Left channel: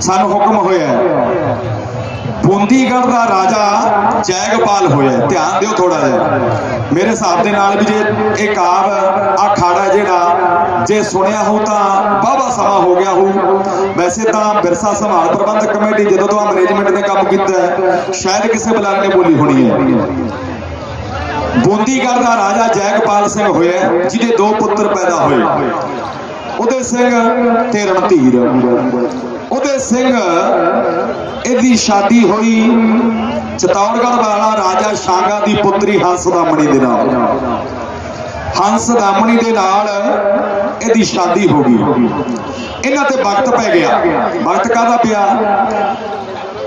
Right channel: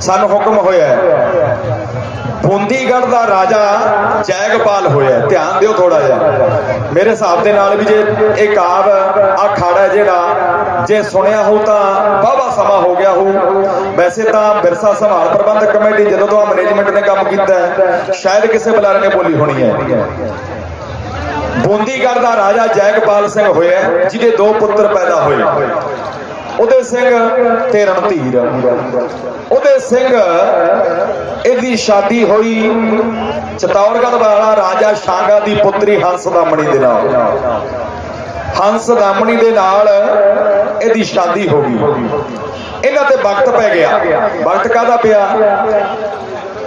ਸਾਨੂੰ ਹੁਕਮ ਹੋਇਆ ਹੈ। ਦਾ ਰਾਜਾ ਜੈਗਪਾਲ ਹੋਇਆ ਧਿਆਨ ਦਿਓ ਥੋੜਾ ਜਿਹਾ। ਮੇਰੇ ਹਿਸਾਬ ਦੇ ਨਾਲ ਵੀ ਜੇ ਇਹ ਕਾਵ ਆ ਖਾੜਾ ਜਿਹੜਾ, ਜੇ ਸੁਣਿਆ ਹੋ ਤਾਂ ਬਾਬਾ ਸਮਾਂ ਹੋ ਗਿਆ ਹੋ ਵੈਸੇ ਤਾਂ ਵਿਰਸਾ ਸੰਭਾਲ ਪ੍ਰਬੰਧਕ ਕਮੇਟੀ ਜਦੋਂ ਤੋਂ ਮੈਨੇਜਮੈਂਟ ਦਾ ਕੰਮ ਕੀਤਾ ਸ਼ਾਇਦ ਕਿਸੇ ਬੁਲਾਰੇ ਨੇ ਬੋਲੀ ਹੋਣੀ ਹੈ। ਬੂੰਦੀਗੜ੍ਹ ਦਾ ਰਾਜਾ ਜੈਗਪਾਲ ਸਿੰਘ ਹੋਇਆ ਜਿਹਦੇ ਦੋ ਪੁੱਤਰ ਪੈਦਾ ਹੋਏ। ਉਹਦੇ ਸਿੰਘ ਤੇ ਰਣਧੀਰ। ਉਹਦੇ ਸਿੰਘ, ਇਹਦੀ ਸ਼ਾਦੀ ਹੋਈ ਚਤੌੜਗੜ੍ਹ ਵਾਲਾ ਰਾਜਾ ਸ਼ਾਂਗਾ ਦੀ ਪੁੱਤਰੀ ਹੰਸ ਦਾਮਣੀ ਦੇ ਨਾਲ। ਹੰਸ ਦਾਮਣੀ ਦੇ ਨਾਲ ਇਹਦੀ ਸ਼ਾਦੀ ਹੋ ਗਈ। ਇਹਨਾਂ ਤੇ ਵਕਤ ਪੈ ਗਿਆ। ਵਕਤ ਕਾਹਦਾ ਪਿਆ?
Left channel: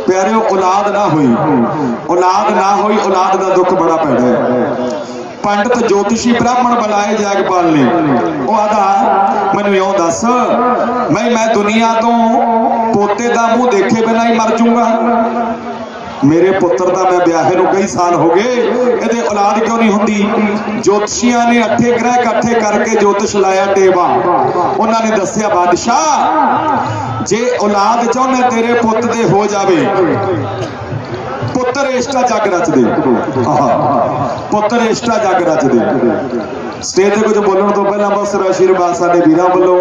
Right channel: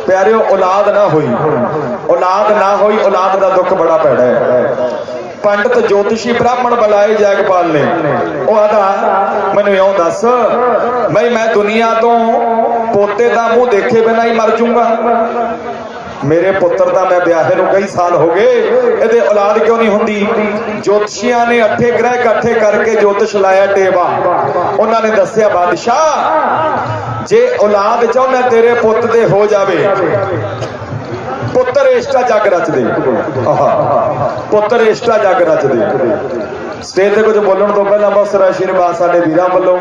ਪਿਆਰਿਓ, ਔਲਾਦ ਨਾ ਹੋਈ। ਔਲਾਦ ਨਾ ਹੋਈ, ਔਲਾਦ ਦਾ ਦੁੱਖ ਬੜਾ ਪੈੜਾ ਹੈ। ਪੰਡਤ ਜੋਤਿਸ਼ੀ ਬ੍ਰਾਹਮਣ ਬੁਲਾਏ ਜਗਪਾਲ ਨੇ ਉਹ ਆਦਾ ਮੈਨੂੰ ਇਉਂ ਦੱਸ ਮੈਂ ਮੈਂ ਦੁਨੀਆ ਤੋਂ ਪੋਤੇ ਦਾ ਮੂੰਹ ਦੇਖੇ ਬਿਨਾਂ ਹੀ ਮਰ ਜਾਊਂਗਾ ਮੇਰੇ ਪੁੱਤਰ ਦਾ ਮੈਂ ਵਿਆਹੇ ਨੂੰ ਕਈ ਸਾਲ ਹੋ ਗਏ, ਇਹਦੇ ਔਲਾਦ ਕਿਉਂ ਨਹੀਂ ਹੁੰਦੀ? ਜੋਤਸ਼ੀਆਂ ਨੇ ਅੱਠੇ ਗ੍ਰਹਿ ਇਕੱਠੇ ਕਰਕੇ ਜੋਤਿਸ਼ ਲਾਇਆ ਟੇਵਾ। ਉਹਨਾਂ ਨੇ ਦੱਸਿਆ, ਬਾਦਸ਼ਾਹ, ਜੇ ਔਲਾਦ ਚਾਹੁੰਦਾ ਤੇਰੇ ਪੁੱਤ ਦੇ ਹੋ ਜਾਵੇ, ਪੁੱਤਰ ਇਸ਼ਟਾ ਜਗ ਰਚਦੇ। ਆਹਾ। ਪੁੱਤਰ ਇਸ਼ਟਾ ਜਗ ਰਚਦੇ ਸਟੇਜ ਤੇ ਕੁਝ ਬੋਲਣ ਤੋਂ ਪਹਿਲਾਂ ਬਹੁਤ ਸਾਰਾ ਆਸ਼ੀਰਵਾਦ ਸਾਡੇ ਵੀਰਾਂ ਵੱਲੋਂ।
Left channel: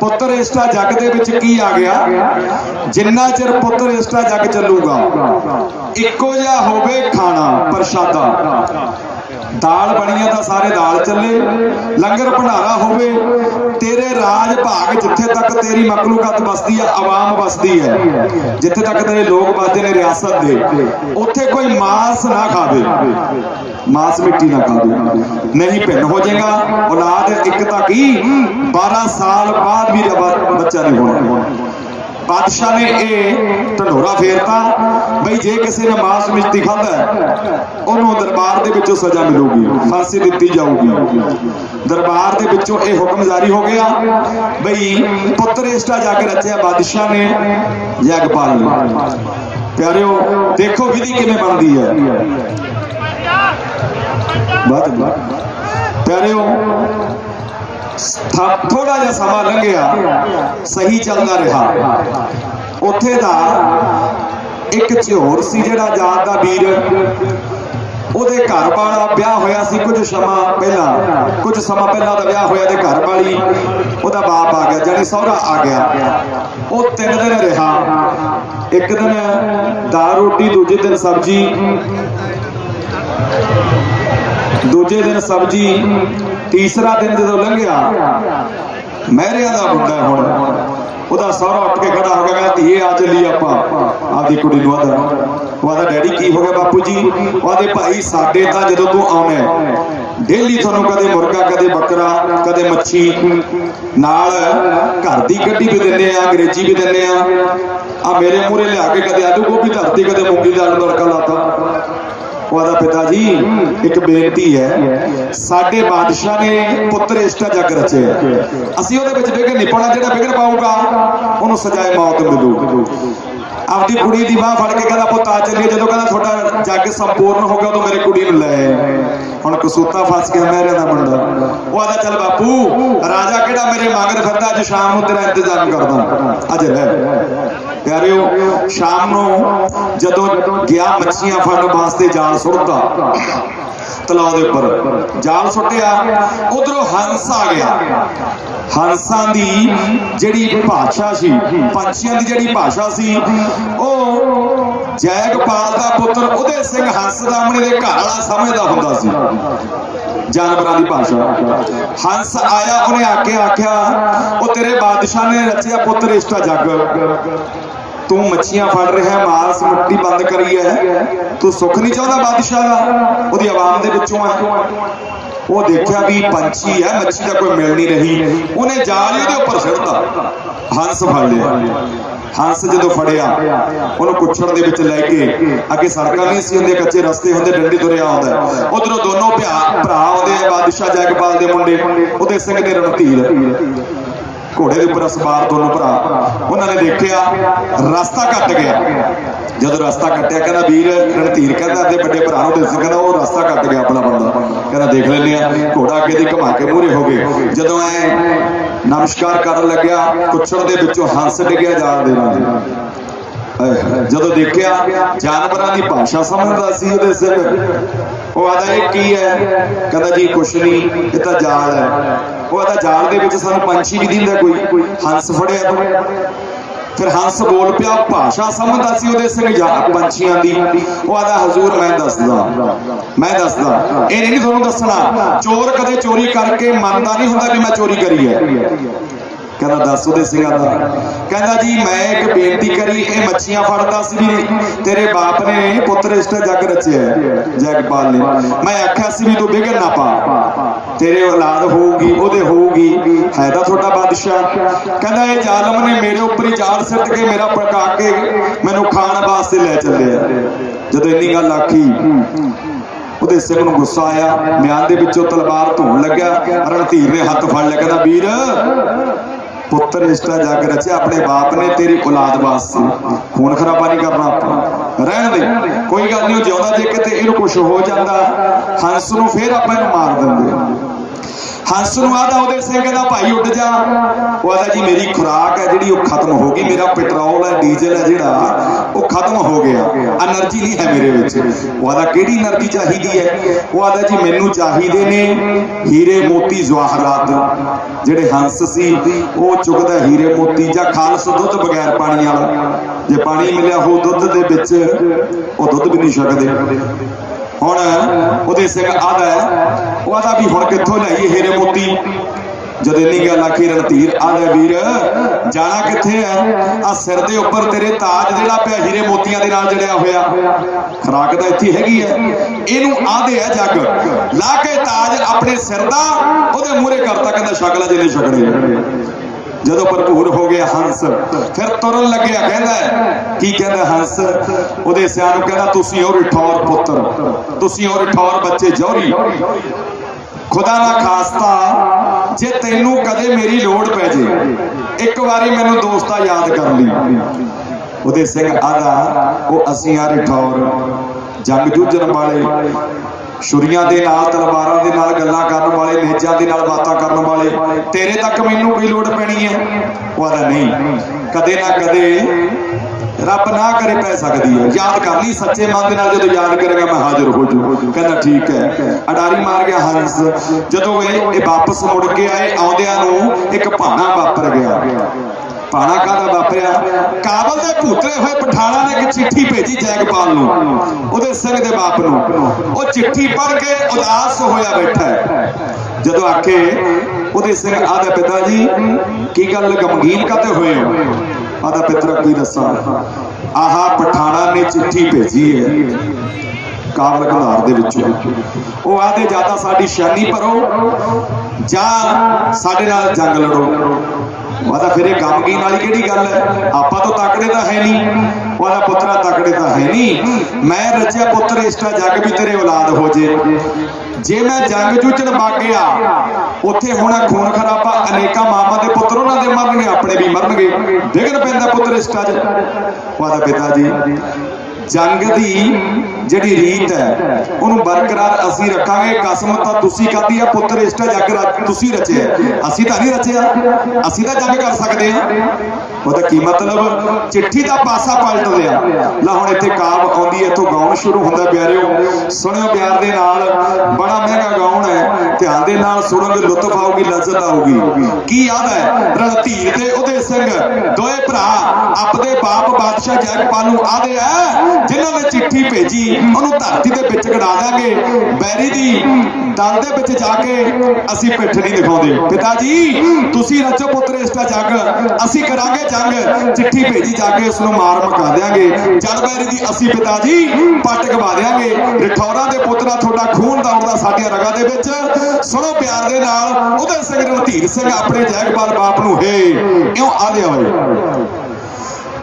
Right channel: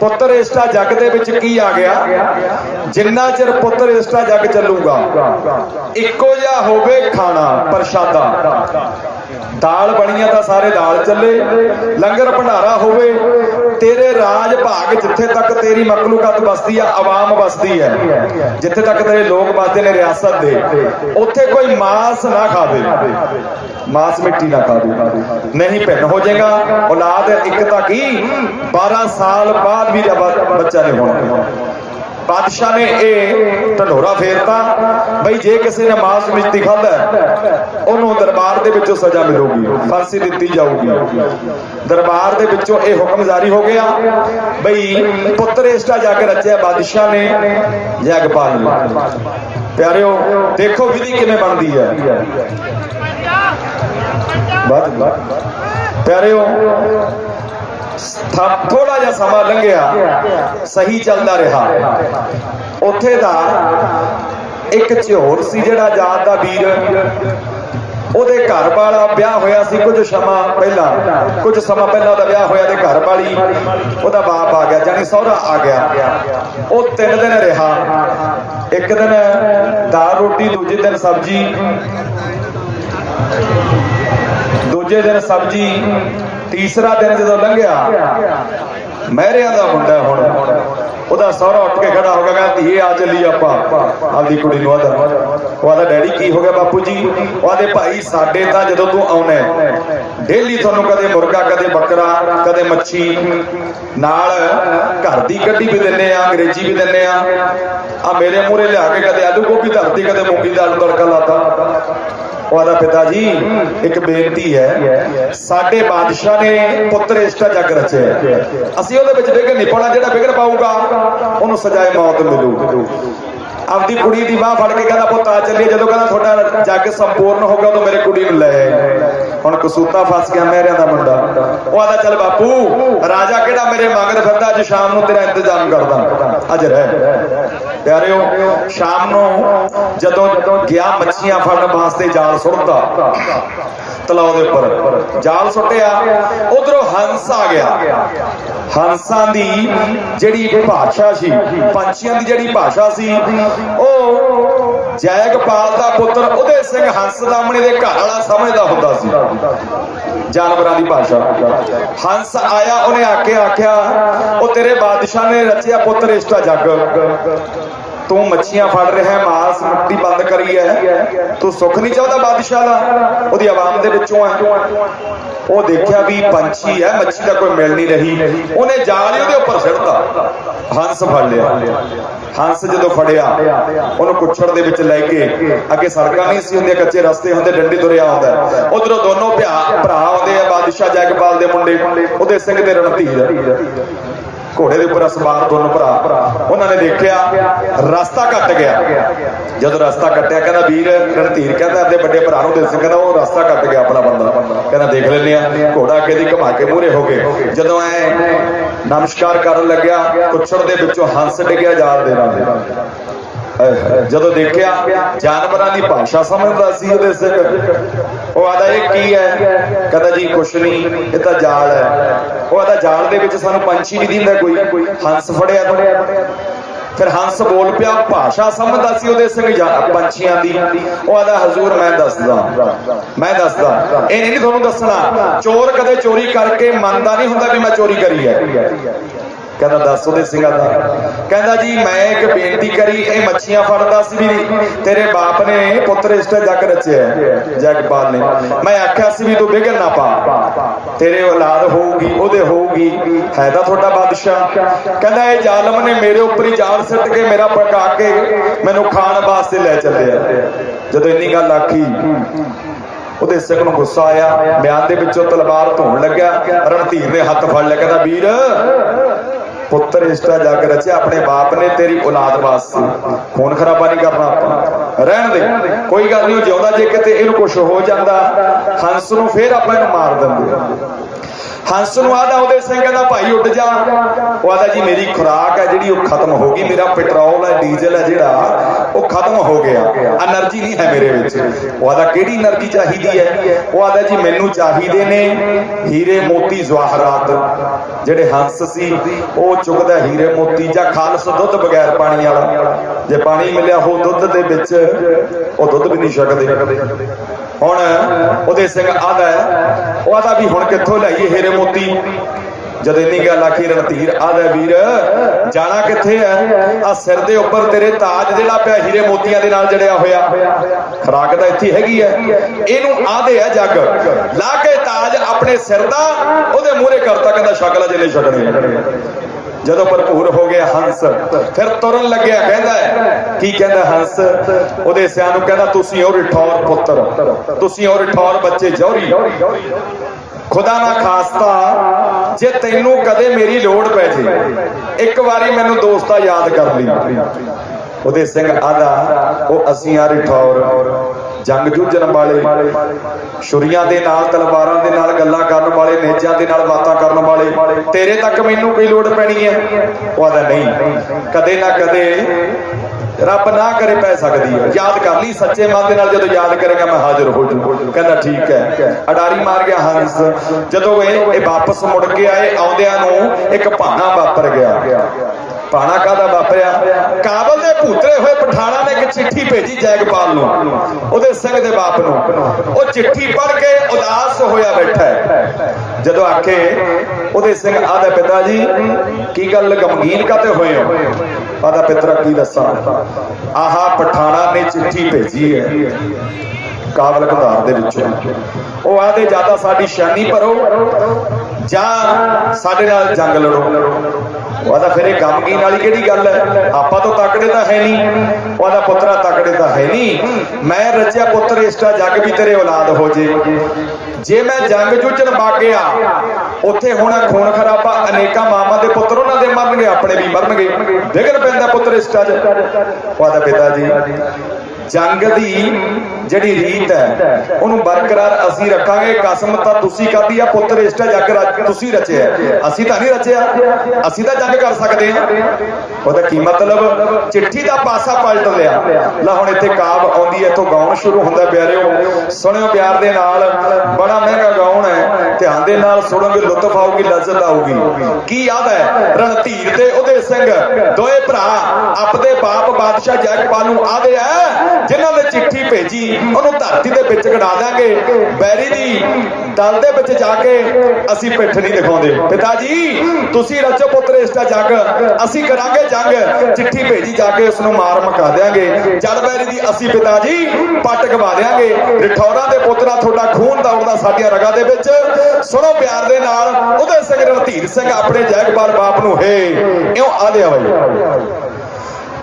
ਪੁੱਤਰ ਇਸ਼ਟਾ ਜਗ ਦੇ ਵਿੱਚ ਕੀ ਆ ਗਿਆ? ਜਿੰਨਾ ਚਿਰ ਪੁੱਤਰ ਇਸ਼ਟਾ ਜਗ ਚੱਲੂਗਾ, ਇੱਕੋ ਜਿਹਾ ਹੋਵੇ ਖਾਣਾ, ਪ੍ਰਸ਼ਾਦਾ। ਦਾਲ ਬਣੀਆਂ ਤਾਂ ਸਾਰੇ ਦਾਲ ਚੱਲੇ। ਲੰਗਰ ਭੰਡਾਰਾ ਹੋਵੇ, ਤੇਰੇ ਰਾਜ ਭਾਗ ਜਿੱਥੇ ਤੱਕ ਤੇਰੀ ਮਖਲੂਕਾਤ ਵਸਦੀ ਆ, ਆਵਾਮ ਵਸਦੀ ਹੈ ਜਿੱਥੇ ਤੱਕ ਤੇਰੇ ਲੋਕ ਵਸਦੇ ਨੇ ਰਿਆਸਤ ਦੇ, ਉੱਥੇ ਕੋਈ ਮਾਸ ਨਾ ਖਾਵੇ। ਮਾਸ ਮਿੱਟੀ ਨਾ ਖਾਵੇ। ਨਹੀਂ ਭਿੰਨ ਹੋ ਜਾਏਗਾ। ਔਲਾਦ ਇੱਕ ਤਾਂ ਕੀ? 12 ਸਾਲ ਬਾਅਦ ਵੀ ਬੱਚਾ ਨਹੀਂ ਹੋਣਾ। ਬਾਦਸ਼ਾਹ ਨੇ ਇਹ ਢੰਡੋਰਾ ਫੇਰਤਾ। ਬਈ ਜੇ ਕਿਸੇ ਨੇ ਮਾਸ ਮਿੱਟੀ ਖਾਧਾ ਉਹਨੂੰ ਦਰਬਾਰ ਦੇ ਵਿੱਚੋਂ ਸਜ਼ਾ ਮਿਲੂਗੀ, ਫਾਂਸੀ ਦਿੱਤੀ ਜਾਊਗੀ। ਦਰਬਾਰ ਦੇ ਵਿੱਚੋਂ ਇਹ ਹੁਕਮ ਜਾਰੀ ਹੋ ਗਿਆ। ਬਈ ਪੁੱਤਰ ਇਸ਼ਟਾ ਜਾ ਕੇ ਰਚਿਆ, ਬਾਦਸ਼ਾਹ ਨੇ ਜਗਪਾਲ ਨੇ ਪਿਆਰਿਓ, ਦੇਖੋ ਵਿਧੀ ਕਿਵੇਂ ਬਣਦੀ ਹੈ। ਬਹੁਤ ਪਿਆਰਿਓ ਥੋੜਾ ਜਿਹਾ ਸਮਾਂ ਲੰਘਿਆ, ਸਹੀ ਚੱਲਦਾ ਰਿਹਾ। ਉੱਥੇ ਦਾ ਇੱਕ ਝੋਰ ਸੀ ਜਿਹੜਾ ਜਾਤ ਦਾ ਵੀਰ, ਉਹਦੇ ਘਰ ਵਾਲਾ ਵਿਆਹ ਹੋਇਆ ਸੀ ਕੁਝ ਸਮਾਂ ਪਹਿਲਾਂ। ਕੁਝ ਸਮਾਂ ਪਹਿਲਾਂ ਦਾ ਵਿਆਹ ਹੋਇਆ ਤੇ ਘਰ ਵਾਲੀ, ਉਹਦਾ ਬਾਪ ਆ ਗਿਆ ਜਾਨੀ ਸਹੁਰਾ ਆ ਗਿਆ। ਉਹ ਤਿੰਨ ਦਿਨ ਰਿਹਾ। ਇੱਕ ਦਿਨ ਦਾਲ ਰੋਟੀ, ਦੂਜੇ ਦਿਨ ਸਬਜ਼ੀ। ਦੂਜੇ ਦਿਨ ਸਬਜ਼ੀ ਤੀਸਰਾ ਦਿਨ ਜਦੋਂ ਲੰਘਿਆ, ਮਹਿਰਿਆਂ ਦਾ ਮੁੰਡਾ ਹੁਣ, ਉਹਦਾ ਸਹੁਰਾ ਉੱਠ ਕੇ ਖੜਾ ਹੋ ਗਿਆ, ਕਹਿੰਦਾ, ਧੀਏ, ਆ ਚੱਲੀ ਆਪਾਂ, ਆਪਦੀ ਕੁੜੀ ਨੂੰ ਆਦਾ ਉਹ ਆਦਾ ਡੈਡੀ, ਕੀ ਹੋ ਗਿਆ ਬਾਪੂ ਜੀ? ਉਹ ਆਦੇ ਭਾਈ, ਸਾਡੇ ਤਾਂ ਜਦੋਂ ਤੂੰ ਆਉਣਾ ਡੇਲੀ ਤੁਹਾਨੂੰ ਕਦੇ ਮੁਰਗਾ, ਕਦੇ ਬੱਕਰਾ, ਕਦੇ ਮੱਛੀ, ਨਾਲ ਘਰ ਦੀ ਕੱਢੀ ਵੀ ਦਿੰਨੇ ਆ, ਅੰਗਰੇਜ਼ੀ ਵੀ ਦਿੰਨੇ ਆ। ਆ ਮੇਰੇ ਮੂਹਰੇ ਲਿਆ ਕੇ ਕਦੇ ਆਲੂ ਗੋਭੀ ਧਰਤੀ, ਕਦੇ ਮੂੰਗੀ ਦਾ ਆਲੂ ਤੜਕਾ ਲਾਤਾ। ਉਹ ਪਿਤਾ ਜੀ, ਇੱਕ ਬੇਨਤੀ ਹੈ। ਸਾਡੇ ਬਾਦਸ਼ਾਹ ਨੇ ਪੁੱਤਰ ਇਸ਼ਟਾ ਜਗ ਰਚਿਆ ਅਸੀਂ ਉਹਦੇ ਵਿੱਚ ਵਿਗੜ ਨਹੀਂ ਪਾਉਣਾ, ਜਿਹੜਾ ਵਿਗੜ ਪਾਊਗਾ, ਉਹਨੂੰ ਸਜ਼ਾਏ ਮੌਤ ਮਿਲੂ। ਆਪਦੀ ਕੁੜੀ ਦੀ ਬਾਹ ਫੜ ਕੇ ਕਹਿੰਦਾ, ਪੁੱਤ, ਆ ਚੱਲੀ ਜਦੋਂ ਕਹਿੰਦਾ, ਤੁਹਾਡਾ ਜੱਗ ਸੰਪੂਰਨ ਹੋ ਗਿਆ ਉਦੋਂ ਮੇਰੇ ਕੁੜੀ ਨੂੰ ਲੈ ਹੁਣ ਕਸੂਤਾ ਫਸ ਗਿਆ ਮੇਰੇ ਦਾ ਮੁੰਡਾ। ਉਹ ਆਦਾ ਚੱਲ ਬਾਪੂ, ਰਾਜਾ ਕਿਹੜਾ ਮੇਰੇ ਮਗਰ ਫਿਰਦਾ, ਅੱਜ ਸ਼ਾਮ ਨੂੰ ਤੇਰਾ ਇੰਤਜ਼ਾਮ ਕਰਦਾ। ਅੱਜ ਰਹਿ। ਪਿਆਰਿਓ, ਸ਼ਾਮ ਨੂੰ ਜਦੋਂ ਗਿਆ ਮੱਛੀਆਂ ਫੜਨ ਵਾਸਤੇ ਜਾਲ ਸੁੱਟਦਾ ਤਲਾਅ ਦੇ ਉੱਪਰ ਜਾਲ ਸੁੱਟਿਆ, ਉਧਰੋਂ ਹੰਸ ਆ ਗਿਆ। ਹੰਸਾਂ ਦੀ ਜਿਹੜੀ ਭਾਸ਼ਾ ਸੀ, ਪੰਛੀਆਂ ਦੀ ਜਿਹੜੀ ਭਾਸ਼ਾ ਸੀ, ਉਹ ਜੈਗਪਾਲ ਦਾ ਪੁੱਤਰ ਉਹਦੇ ਸਿੰਘ ਹੰਸ ਦਾਮਣੀ ਦੇ ਘਰ ਵਾਲਾ ਸਮਝਦਾ ਹੁੰਦਾ ਸੀ। ਜਾਨਵਰਾਂ ਦੀ ਭਾਸ਼ਾ। ਹੰਸ ਆਇਆ, ਉਹਨੇ ਆ ਕੇ ਆਖਿਆ, ਉਹ ਤੇਰੇ ਬਾਦਸ਼ਾਹ ਨੇ ਰਚਿਆ ਪੁੱਤਰ ਇਸ਼ਟਾ ਜੱਗ। ਤੂੰ ਮੱਛੀਆਂ ਫੜ ਰਿਹਾ ਹੈ, ਮਾਸ ਮੁੱਠੀ ਬੰਦ ਕਰੀ ਹੈ। ਤੂੰ ਸੁੱਖ ਨਹੀਂ ਚਾਹੁੰਦਾ ਬਾਦਸ਼ਾਹ ਦਾ? ਉਹਦੀ ਆਵਾਜ਼ ਦੇ ਵਿੱਚੋਂ ਆ। ਉਹ ਦੇਖਿਆ ਵੀ ਪੰਛੀ ਹੈ ਮੱਛੀ ਦਾ ਕੋਈ ਮਿਲ ਨਹੀਂ ਰਹੀ। ਉਹਨੇ ਜਾਲ ਹੀ ਉਹਦੇ ਉੱਪਰ ਸਿੱਟਤਾ। ਹੰਸ ਫੜ ਲਿਆ। ਹੰਸ ਜਦੋਂ ਫੜਿਆ ਉਹਨੂੰ ਕੁੱਛੜ ਦੇ ਵਿੱਚ ਲੈ ਕੇ ਅੱਗੇ ਸੜਕਾਂ ਨਹੀਂ ਸੀ ਹੁੰਦੇ ਕੱਚੇ ਰਸਤੇ ਹੁੰਦੇ ਡੰਡੀ ਤੁਰਿਆ ਹੁੰਦਾ ਉਧਰੋਂ ਦੋਨੋਂ ਭਰਾ ਆਉਂਦੇ ਆ ਬਾਦਸ਼ਾਹ ਜਗਪਾਲ ਦੇ ਮੁੰਡੇ। ਉਹਦੇ ਸਿੰਘ ਦੇ ਰਣਧੀਰ ਘੋੜੇ ਦੇ ਉੱਪਰ ਸਵਾਰ ਦੋਨੋਂ ਭਰਾ। ਉਹਨਾਂ ਨੇ ਦੇਖਿਆ, ਰਸਤਾ ਕੱਟ ਗਿਆ। ਜਦੋਂ ਰਸਤਾ ਕੱਟਿਆ, ਕਹਿੰਦਾ, ਵੀਰ ਰਣਧੀਰ ਕਹਿੰਦਾ, ਆਪਣੇ ਵੱਡੇ ਭਰਾ ਨੂੰ ਦੱਸ ਕਹਿੰਦਾ, ਉਹ ਰਸਤਾ ਕੱਟ ਗਿਆ ਆਪਣਾ ਬੰਦਾ। ਕਹਿੰਦਾ, ਦੇਖ ਲੈਂਦੇ ਆ ਘੋੜਾ ਅੱਗੇ ਦੀ ਘੁਮਾ ਕੇ ਮੂਹਰੇ ਹੋ ਗਏ। ਜਦੋਂ ਐ ਨਮਸਕਾਰ ਕਰਨ ਲੱਗਿਆ ਕੁੱਛੜ ਦੇ ਵਿੱਚੋਂ ਹੰਸ ਡਿੱਗਿਆ ਜਾਲ ਦੇ ਨਾਲ ਜਦੋਂ ਦੇਖਿਆ ਜਾਨਵਰਾਂ ਦੀ ਭਾਸ਼ਾ ਸਮਝਦਾ ਸੀ ਉਹਦੇ ਸਿਰ। ਉਹ ਆਦਾ ਇਹ ਕੀ ਹੈ? ਕਹਿੰਦਾ, ਜੀ, ਕੁਛ ਨਹੀਂ, ਇਹ ਤਾਂ ਜਾਲ ਹੈ। ਉਹ ਆਦਾ ਜਾਲ ਦੇ ਵਿੱਚ ਸਾਨੂੰ ਪੰਛੀ ਵੀ ਦਿੰਦਾ ਕੋਈ, ਹੰਸ ਫੜਿਆ ਤੂੰ? ਫਿਰ ਹੰਸ ਬੋਲ ਪਿਆ, ਭਾਸ਼ਾ ਸਮਝਦਾ ਸੀ ਉਹਦੇ ਸਿਰ ਜਾ ਪੰਛੀਆਂ ਦੀ। ਉਹ ਆਦਾ ਹਜ਼ੂਰ, ਮੈਂ ਦੱਸਦਾ ਮੈਂ ਦੱਸਦਾ, ਇਹ ਨਹੀਂ ਤੁਹਾਨੂੰ ਦੱਸਣਾ। ਚੋਰ ਕਦੇ ਚੋਰੀ ਕਰਕੇ ਮੰਨਦਾ ਨਹੀਂ ਹੁੰਦਾ ਕਿ ਮੈਂ ਚੋਰੀ ਕਰੀ ਹੈ। ਕਹਿੰਦਾ ਦੱਸ ਉਹਦੇ ਸਿੰਘਾਂ ਦਾ। ਕਹਿੰਦਾ ਜੀ, ਮੈਂ ਇੱਕ ਬੇਨਤੀ ਕਰੀ, ਇਹ ਮੱਛੀਆਂ ਫੜਦਾ ਸੀ ਵੀ ਤੇਰੇ ਬਾਪ ਨੇ ਪੁੱਤਰ ਇਸ ਜੱਗ ਰਚਿਆ ਜਗਪਾਲ ਨੇ। ਮੈਂ ਆਖਿਆ ਸੀ ਵੀ ਤੂੰ ਵਿਗੜ ਨਾ ਪਾ। ਤੇਰੇ ਔਲਾਦ ਹੋਊਗੀ, ਉਹਦੇ ਹੋਊਗੀ। ਹੈ ਤਾਂ ਤੁਹਾਡਾ ਬਾਦਸ਼ਾਹ। ਕਹਿੰਦਾ, ਇਹ ਜ਼ਾਲਮ ਨੇ ਮੇਰੇ ਉੱਪਰ ਹੀ ਜਾਲ ਸਿੱਟ ਕੇ ਮੇਰਾ ਭੜਕਾ ਕੇ ਮੈਨੂੰ ਖਾਣ ਵਾਸਤੇ ਲੈ ਚੱਲਿਆ ਜਦੋਂ ਇੰਨੀ ਗੱਲ ਆਖੀ, ਉਹਦੇ ਸਿਰ ਨੂੰ ਗੁੱਸਾ ਆਇਆ। ਮਿਆਨ ਦੇ ਵਿੱਚੋਂ ਤਲਵਾਰ ਧੋਣ ਲੱਗਿਆ। ਰਣਧੀਰ ਨੇ ਹੱਥ ਫੜ ਲਿਆ ਕਹਿੰਦਾ, ਵੀਰ ਪੁੱਤਰ ਇਸ਼ਟਾ ਜਗ ਰਚਿਆ, ਆਪਣੇ ਬਾਪ ਨੇ ਤੇਰੀ ਔਲਾਦ ਵਾਸਤੇ। ਖੂਨ ਖਰਾਬਾ ਨਹੀਂ ਕਰਨਾ ਆਪਾਂ। ਰਹਿਣ ਦੇ, ਕੋਈ ਗੱਲ ਨਹੀਂ, ਉਹ ਜਿਉਂਦਾ ਜੇ ਕਿਤੇ ਇਹਨੂੰ ਕੁਝ ਹੋ ਜਾਂਦਾ ਹੰਸ ਨੂੰ ਫੇਰ ਆਪਾਂ ਨੂੰ ਮਾਰ ਦਿੰਦੇ। ਹੰਸ ਨੂੰ ਆਦਾ ਉਹਦੇ ਸਿਰ ਕਹਿੰਦਾ, ਭਾਈ ਉੱਡ ਜਾ। ਉਹ ਆਦਾ ਜੀ, ਮੇਰੀ ਖੁਰਾਕ ਹੈ ਜਿਹੜੀ ਉਹ ਖਤਮ ਹੋ ਗਈ। ਮੇਰਾ ਪੈਟਰੋਲ ਹੈ, ਡੀਜ਼ਲ ਹੈ ਜਿਹੜਾ, ਉਹ ਖਤਮ ਹੋ ਗਿਆ। એનર્ਜੀ ਨਹੀਂ ਹੈ ਮੇਰੇ ਵਿੱਚ। ਉਹ ਆਦਾ ਕਿਹੜੀ એનર્ਜੀ ਚਾਹੀਦੀ ਹੈ? ਉਹ ਆਦਾ ਜੀ, ਮੈਨੂੰ ਚਾਹੀਦੇ ਨੇ ਹੀਰੇ ਮੋਤੀ ਜ਼ਵਾਹਰਾਤ। ਜਿਹੜੇ ਹੰਸ ਸੀ, ਉਹ ਚੁਗਦਾ ਹੀਰੇ ਮੋਤੀ ਜਾਂ ਖਾਲਸ ਦੁੱਧ ਬਗੈਰ ਪਾਣੀ ਵਾਲਾ। ਜੇ ਪਾਣੀ ਮਿਲਿਆ ਹੋ ਦੁੱਧ ਦੇ ਵਿੱਚ, ਉਹ ਦੁੱਧ ਵੀ ਨਹੀਂ ਛਕਦੇ। ਹੁਣ ਉਹਦੇ ਸਿੰਘ ਆਦਾ ਉਹ ਆਦਾ ਵੀ ਹੁਣ ਕਿੱਥੋਂ ਲਈਏ ਹੀਰੇ ਮੋਤੀ? ਜਦ ਇੰਨੀ ਗੱਲ ਆਖੀ ਰਣਧੀਰ ਆਦਾ ਵੀਰ, ਜਾਣਾ ਕਿੱਥੇ ਹੈ? ਆ ਸਿਰ ਦੇ ਉੱਪਰ ਤੇਰੇ ਤਾਜ ਜਿਹੜਾ ਪਿਆ ਹੀਰੇ ਮੋਤੀਆਂ ਦੇ ਨਾਲ ਜੜਿਆ ਹੋਇਆ। ਖਰਾਕ ਤਾਂ ਇੱਥੇ ਹੈਗੀ ਹੈ। ਇਹਨੂੰ ਆਦੇ ਆ ਜੱਗ, ਲਾ ਕੇ ਤਾਜ ਆਪਣੇ ਸਿਰ ਦਾ, ਉਹਦੇ ਮੂਹਰੇ ਕਰਤਾ, ਕਹਿੰਦਾ ਸ਼ਕਲ ਅਜੇ ਨਹੀਂ ਛਕਣੀ। ਜਦੋਂ ਭਰਪੂਰ ਹੋ ਗਿਆ ਹੰਸ ਫਿਰ ਤੁਰਨ ਲੱਗਿਆ ਕਹਿੰਦਾ ਹੈ, ਕੀ ਕਹਿੰਦਾ ਹੰਸ? ਉਹਦੇ ਸਿਆਂ ਨੂੰ ਕਹਿੰਦਾ ਤੁਸੀਂ ਉਹ ਠੌਰ ਪੁੱਤਰ ਤੁਸੀਂ ਉਹ ਠੌਰ ਬੱਚੇ ਜੌਹਰੀ ਖੁਦਾ ਨਾ ਖਾਸਤਾ ਜੇ ਤੈਨੂੰ ਕਦੇ ਮੇਰੀ ਲੋੜ ਪੈ ਜੇ ਇੱਕ ਵਾਰੀ ਮੈਨੂੰ ਦੋਸਤਾ ਯਾਦ ਕਰ ਲਈ। ਉਹਦੇ ਸਿੰਘ ਆਦਾ ਉਹ ਅਸੀਂ ਆ ਠੌਰ ਜੰਗ ਜੂਝਣ ਵਾਲੇ ਛੁਰੀਆਂ ਦੇ ਨਾਲ, ਤਲਵਾਰਾਂ ਦੇ ਨਾਲ, ਗੱਲਾਂ ਕਰਨ ਵਾਲੇ ਨੇਜਾਂ ਦੇ ਨਾਲ, ਬਾਤਾਂ ਕਰਨ ਵਾਲੇ, ਤੇਰੇ ਤੱਕ ਮੈਨੂੰ ਕੋਈ ਲੋੜ ਪੈਣੀ ਹੈ? ਉਹ ਆਦਾ ਨਹੀਂ, ਕਦੇ ਨਾ ਕਦੇ ਰੱਬ ਨਾ ਕਰੇ ਪੈ ਸਕਦੀ ਹੈ। ਯਾਦ ਕਰ ਲਈ ਸੱਚੇ ਮਨ ਦੇ ਨਾਲ ਜਦੋਂ ਯਾਦ ਕਰੇਗਾ ਮੈਂ ਹਾਜ਼ਰ ਹੋ ਜੂ ਕਹਿੰਦਾ, ਠੀਕ ਹੈ। ਅਡਾਰੀ ਮਾਰ ਗਿਆ ਹੰਸ ਜਦੋਂ ਇਹ ਇਹ ਵਾਪਸ ਮੁੜ ਕੇ ਆਏ, ਆਉਂਦਿਆਂ ਨੂੰ ਇੱਕ ਭਾਣਾ ਵਾਪਰ ਗਿਆ। ਪਾਣਾ ਕਾਹਦਾ ਵਾਪਰਿਆ? ਕਾਬਲ ਦੇ ਭੂਤਰੇ ਹੋਏ ਪਠਾਣਾ ਨੇ ਇੱਕ ਚਿੱਠੀ ਭੇਜੀ ਜੈਗਪਾਲ ਨੂੰ, ਉਹਦੇ ਸਿੰਘ ਦੇ ਬਾਪ ਨੂੰ। ਉਹ ਚਿੱਠੀ ਪੜ੍ਹ ਕੇ ਉਦਾਸ ਹੋਇਆ ਬੈਠਾ ਜਦੋਂ ਆਖੇ, ਉਹਦੇ ਸਿੰਘ ਆਦਾ ਪਿਤਾ ਜੀ, ਕੀ ਗੱਲ ਗਮਗੀਨ ਕਾਤੇ ਹੋਏ ਹੋ? ਆਦਾ ਪਿਤਰਾ ਕੀ ਦੱਸਾਂ, ਆਹਾ ਪਠਾਣਾ ਨੇ ਚਿੱਠੀ ਭੇਜੀ ਹੈ ਕਾਬਲ ਘਦਾਰ ਦੇ ਵਿੱਚੋਂ। ਉਹ ਆਦੇ ਤਾਂ ਸਾਡੀ ਸ਼ਾਨੀ ਭਰੋ, ਜਾਂ ਸਾਡੇ ਨਾਲ ਜੰਗ ਲੜੋ। ਉਹਦਾ ਫਿਰ ਇਹ ਗਮਗੀਨ ਵਾਲੀ ਕਿਹੜੀ ਗੱਲ ਹੈ? ਆਪਾਂ ਤਾਂ ਤਕੜੇ ਤਾਂ ਹੈ ਨਹੀਂ। ਉਹਦਾ ਪੁੱਤਰਾ ਤਕੜੇ ਤਾਂ ਹੈ ਨਹੀਂ। ਮੈਂ ਰਚਿਆ ਪੁੱਤਰ ਇਸ਼ਟਾ ਜੱਗ ਵੀ ਤੇਰੇ ਔਲਾਦ ਹੋ ਜੇ। ਜੇ ਮੈਂ ਜੰਗ ਜੂਝਣ ਵਗ ਗਿਆ, ਉੱਥੇ ਹੁਣ ਖੂਨ ਖਰਾਬਾ ਅਨੇਕਾਂ ਮਾਵਾਂ ਦੇ ਪੁੱਤਰ ਉਹਨਾਂ ਦੇ ਮਰਨਗੇ ਆਪਣੇ ਵੀ ਮਰਨਗੇ। ਡਿੱਗਣ ਪੈਂਦਾ ਪੁੱਤਰ ਇਸ਼ਟਾ ਚ। ਉਹਦਾ ਪਿਤਾ ਜੀ, ਜੰਗ ਦੀ ਜਿਹੜੀ ਰੀਤ ਹੈ, ਉਹਨੂੰ ਬਰਕਰਾਰ ਅਸੀਂ ਰੱਖਾਂਗੇ। ਕਸਮ ਤਾਂ ਤੁਸੀਂ ਖਾਧੀ ਆ ਪੁੱਤਰ ਇਸ਼ਟਾ ਜੱਗ ਤੁਸੀਂ ਰਚਿਆ। ਅਸੀਂ ਤਾਂ ਨਹੀਂ ਰਚਿਆ। ਅਸੀਂ ਤਾਂ ਜੰਗ ਕਰ ਸਕਦੇ ਹਾਂ। ਉਹਦਾ ਕੀ ਮਤਲਬ? ਚਿੱਠੀ ਦਾ ਪਾਸਾ ਪਲਟ ਲਿਆ। ਲੈ ਹੁਣ ਇੱਥੇ ਕਾਵ ਆਉਂਦੀ ਇੱਥੋਂ ਗਾਉਣ ਸ਼ੁਰੂ ਹੁੰਦਾ ਪਿਆਰਿਓ। ਸੁਣਿਓ ਪਿਆਰ ਦੇ ਨਾਲ। ਬੜਾ ਮਹਿੰਗਾ ਗਾਉਣ ਹੈ। ਧਿਆਨ ਦੇ ਨਾਲ ਸੁਣੋਗੇ, ਲੁਤਫ ਆਊਗੀ, ਲਜ਼ਤ ਆਊਗੀ। ਕੀ ਯਾਦ ਹੈ? ਰਣਧੀਰ ਤੇ ਉਹਦੇ ਸਿੰਘ। ਦੋਏ ਭਰਾ ਆਪਦੇ ਬਾਪ ਬਾਦਸ਼ਾਹ ਜੈਗਪਾਲ ਨੂੰ ਆਦੇ ਆ ਜਿਨ੍ਹਾਂ ਨੇ ਚਿੱਠੀ ਭੇਜੀ। ਉਹਨੂੰ ਧਰਤੀ ਦੇ ਵਿੱਚ ਗੜਾ ਦਾਂਗੇ। ਬੈਰੀ ਦੀ ਦਲ ਦੇ ਵਿੱਚ ਜਾ ਕੇ ਅਸੀਂ ਪਿੱਠ ਨਹੀਂ ਦਿਖਾਉਂਦੇ। ਪਿਤਾ ਜੀ, ਤੁਸੀਂ ਰਚੋ ਪੁੱਤਰ ਇਸਦਾ ਜੱਗ। ਅਸੀਂ ਕਰਾਂਗੇ ਜੰਗ। ਚਿੱਠੀ ਭੇਜੀ ਜਾ ਕੇ ਉਸ ਨੂੰ ਮਾਰ ਮੁਕਾ ਦਿਆਂਗੇ। ਜੜ ਬੈਰੀ ਦੀ ਅਸੀਂ ਪਿਤਾ ਜੀ, ਪੱਟ ਗਵਾ ਦਿਆਂਗੇ। ਰਿਠੌਰਾਂ ਦੇ ਪੁੱਤਰਾ ਤੁਹਾਡਾ ਖੂਨ ਦੌੜਦਾ ਸਾਡੀਆਂ ਰਗਾਂ ਦੇ ਵਿੱਚ। ਸੁਣੋ ਪਿਆਰ ਦੇ ਨਾਲ, ਉਹਦੇ ਸਿੰਘ ਰਣਧੀਰ ਸਿੰਘ ਆਪਣੇ ਜੈਗਬਾਰ ਬਾਪ ਨੂੰ, ਹੇ, ਇਉਂ ਆਲਿਆ ਹੋਏ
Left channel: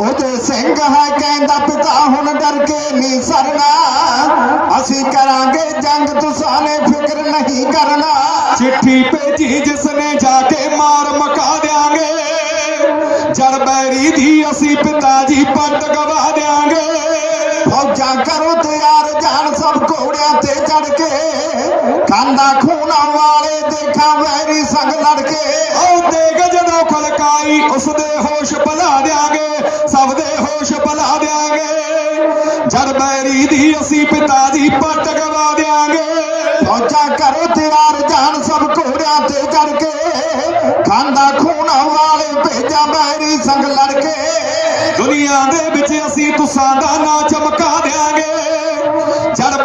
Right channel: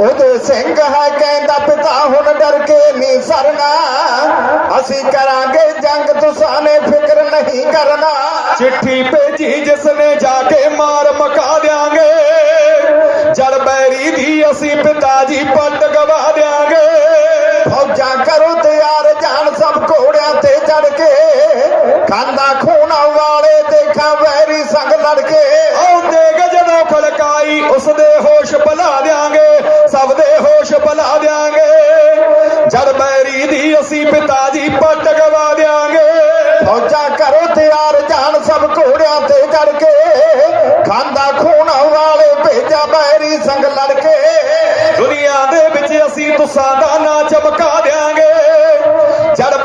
ਉਹਦੇ ਸਿੰਘ ਹੈ ਕਹਿੰਦਾ ਪਿਤਾ ਹੁਣ ਡਰ ਕੇ ਨਹੀਂ ਸਰਨਾ। ਅਸੀਂ ਕਰਾਂਗੇ ਜੰਗ ਤੁਸਾਂ ਫਿਕਰ ਨਹੀਂ ਕਰਨਾ। ਚਿੱਠੀ ਭੇਜੀ ਜਿਸ ਜਾ ਕੇ ਮਾਰ ਮਕਾ ਦਿਆਂਗੇ। ਜੜ ਬੈਰੀ ਦੀ ਅਸੀਂ ਪਿਤਾ ਜੀ ਪੱਟ ਗਵਾ ਦਿਆਂਗੇ। ਫੌਜਾਂ ਕਰੋ ਤਿਆਰ ਜਾਣ ਸਭ ਘੋੜਿਆਂ ਤੇ ਚੜ ਕੇ। ਖਾਂਦਾ ਖੋਣਾ ਵਾਲੇ ਦੇਖਾਂ ਵੈਰੀ ਸੰਗ ਲੜ ਕੇ। ਆਉਂਦੇ ਗਜਨੋਂ ਖਲਕਾਈ, ਉਸਦੇ ਹੋਸ਼ ਭਲਾ ਦਿਆਂਗੇ।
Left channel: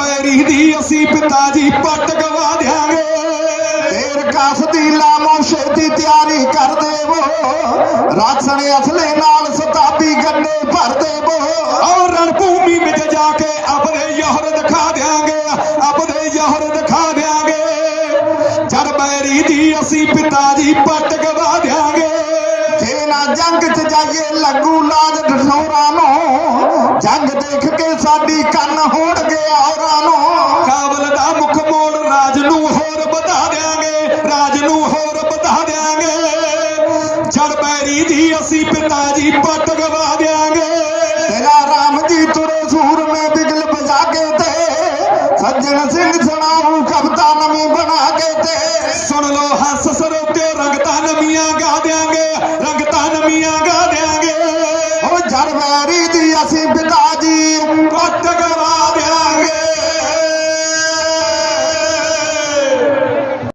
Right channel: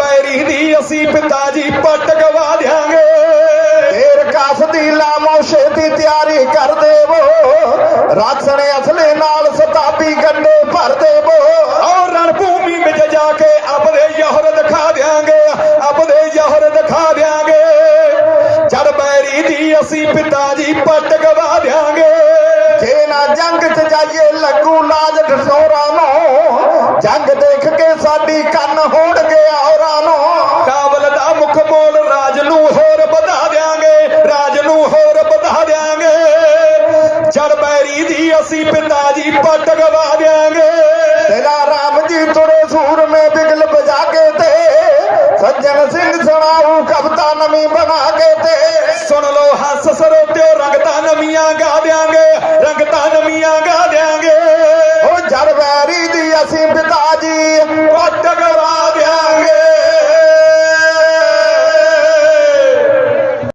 ਜੜ ਦੀ ਅਸੀਂ ਪਿਤਾ ਜੀ ਪੱਟ ਗਵਾ ਦਿਆਂਗੇ ਫੇਰ ਕਾਸ ਲਾਮੋ, ਛੇਤੀ ਤਿਆਰੀ ਕਰ ਦੇਵੋ। ਰਾਖਣ ਅਸਲੇ ਨਾਲ ਸਤਾਬੀ ਗੱਡੇ ਭਰ ਦੇਵੋ। ਔਰ ਰਣ ਵਿੱਚ ਜਾ ਕੇ ਆਪਦੇ ਯਹਰ ਦਿਖਾ ਦਿਆਂਗੇ ਆਪਦੇ ਯਹਰ ਦਿਖਾ ਦਿਆਂਗੇ। ਜੜ ਬੈਰੀ ਦੀ ਅਸੀਂ ਪਿਤਾ ਜੀ ਪੱਟ ਗਵਾ ਦਿਆਂਗੇ ਜੇ ਨਾ ਜੰਗ ਚ ਜਾਈਏ, ਲੱਗੂ ਲਾਜ ਢਸੋਰਾ ਨੂੰ ਜੰਗ ਦੇਖ ਕੇ ਸਾਡੀ